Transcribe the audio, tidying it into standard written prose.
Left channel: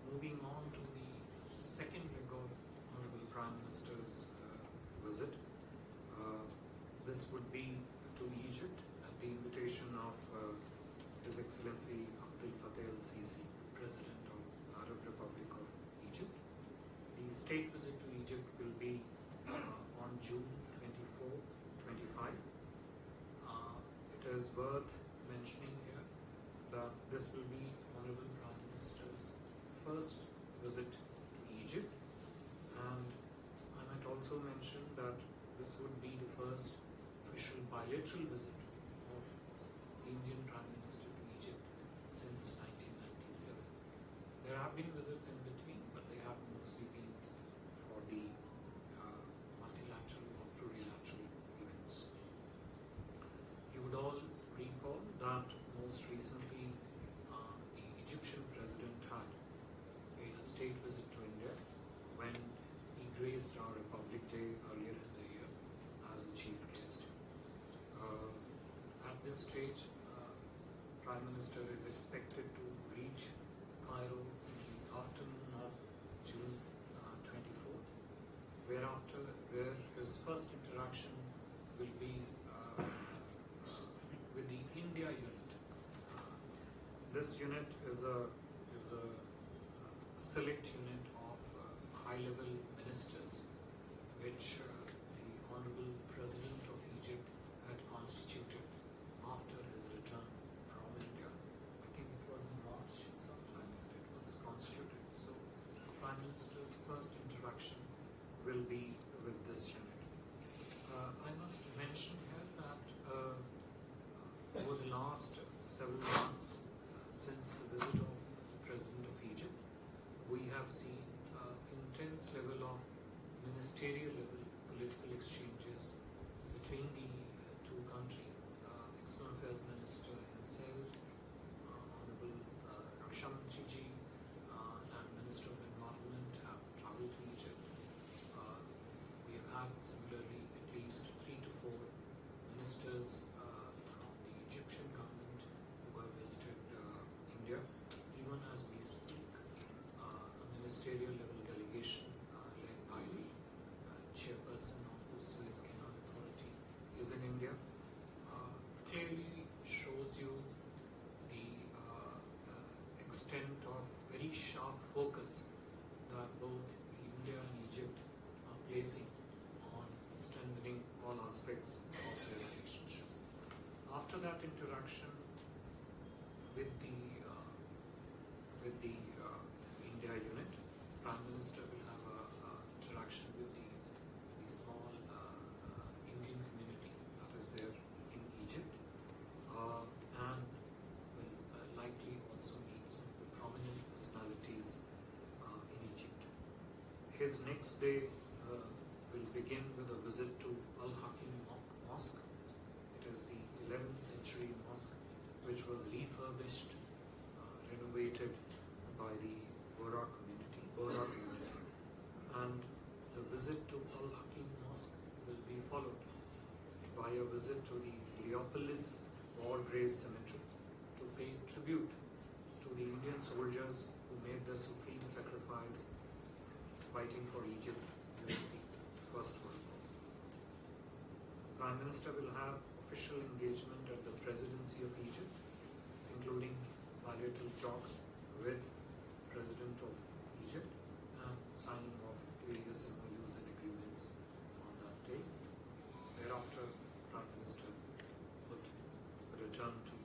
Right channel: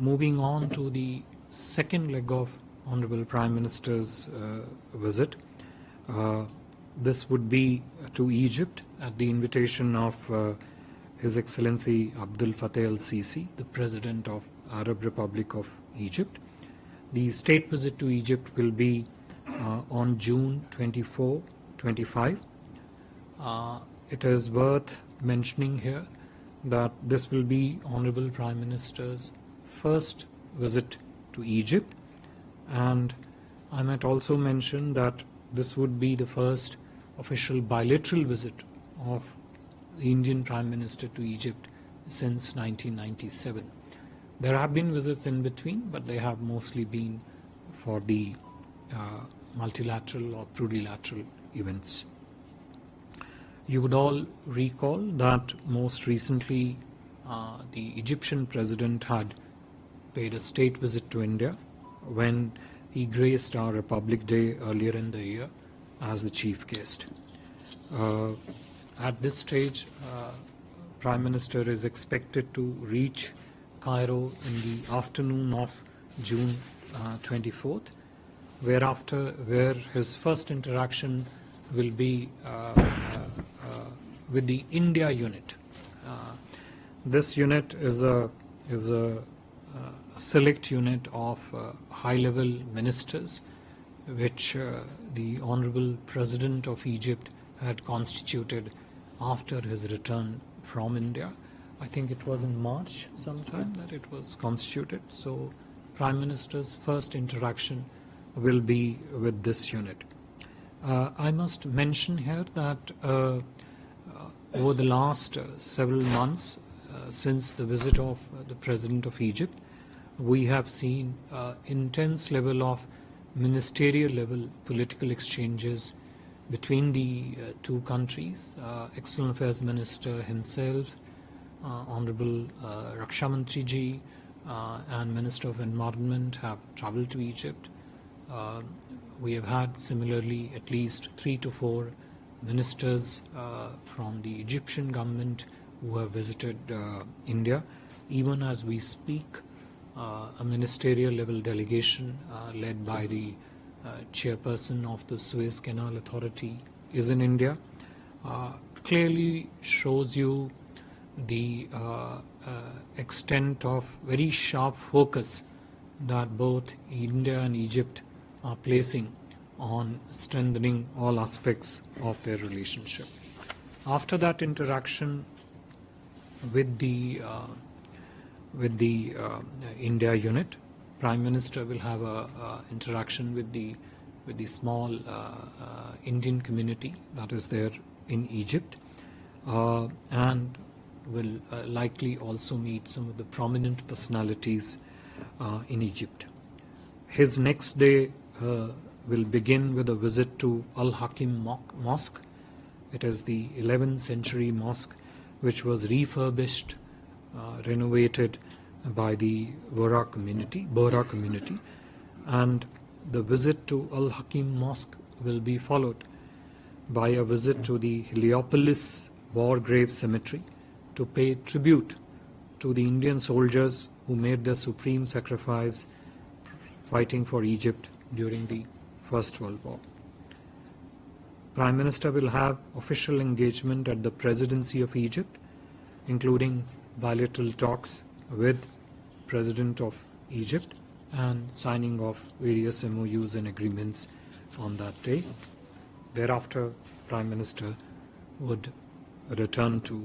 moving on to the second leg of Honorable Prime Minister's visit. This would be to Egypt at the invitation of His Excellency Abdel Fattah el-Sisi, the President of Arab Republic of Egypt. The state visit to Egypt will be on June 24-25. It is worth mentioning here that this will be Honorable Prime Minister's first visit to Egypt, and I might also mention that this would be the first official bilateral visit of the Indian Prime Minister to Egypt since 1997. There have been visits in between, but they have mostly been for the multilateral or plurilateral events. You would all recall that most recently the Egyptian president had paid a state visit to India when he graced our Republic Day earlier in the year as the chief guest. At this stage, Prime Minister is expected to reach Cairo in the afternoon of June 24th, where his first interaction will be with the India unit. This unit is a select unit of high-level ministers, which the Honorable President of Egypt had constituted after his return from India. I think it was in March sometime that it was constituted. So Prime Minister's first interaction will be with this unit. I must mention here that over the last several months since the visit of the President of Egypt, we have seen intense level of ministerial level political exchanges between the two countries. External Affairs Minister himself, Honorable Raksha Mantri ji, and Minister of Environment have traveled to Egypt. We have had similarly at least 3 to 4 ministers from the Egyptian government who have visited India. Even as we speak, a ministerial level delegation led by the chairperson of the Suez Canal Authority is in India. Clearly shows you the extent of very sharp focus that both India and Egypt are placing on strengthening all aspects of their relationship. After that interaction with the India unit, Prime Minister will have a interaction with the small Indian community that is there in Egypt, and will likely also meet some of the prominent personalities in Egypt. His next day will begin with a visit to Al-Hakim Mosque. It is the 11th century mosque which was refurbished, renovated by the Bohra community, and the visit to Al-Hakim Mosque will be followed by a visit to the Heliopolis War Grave Cemetery to pay tribute to the Indian soldiers who made their supreme sacrifice fighting for Egypt during the First World War. Prime Minister will have official engagement at the Presidency of Egypt, including bilateral talks with President of Egypt and signing of various MOUs and agreements on that day. Thereafter, Prime Minister would return to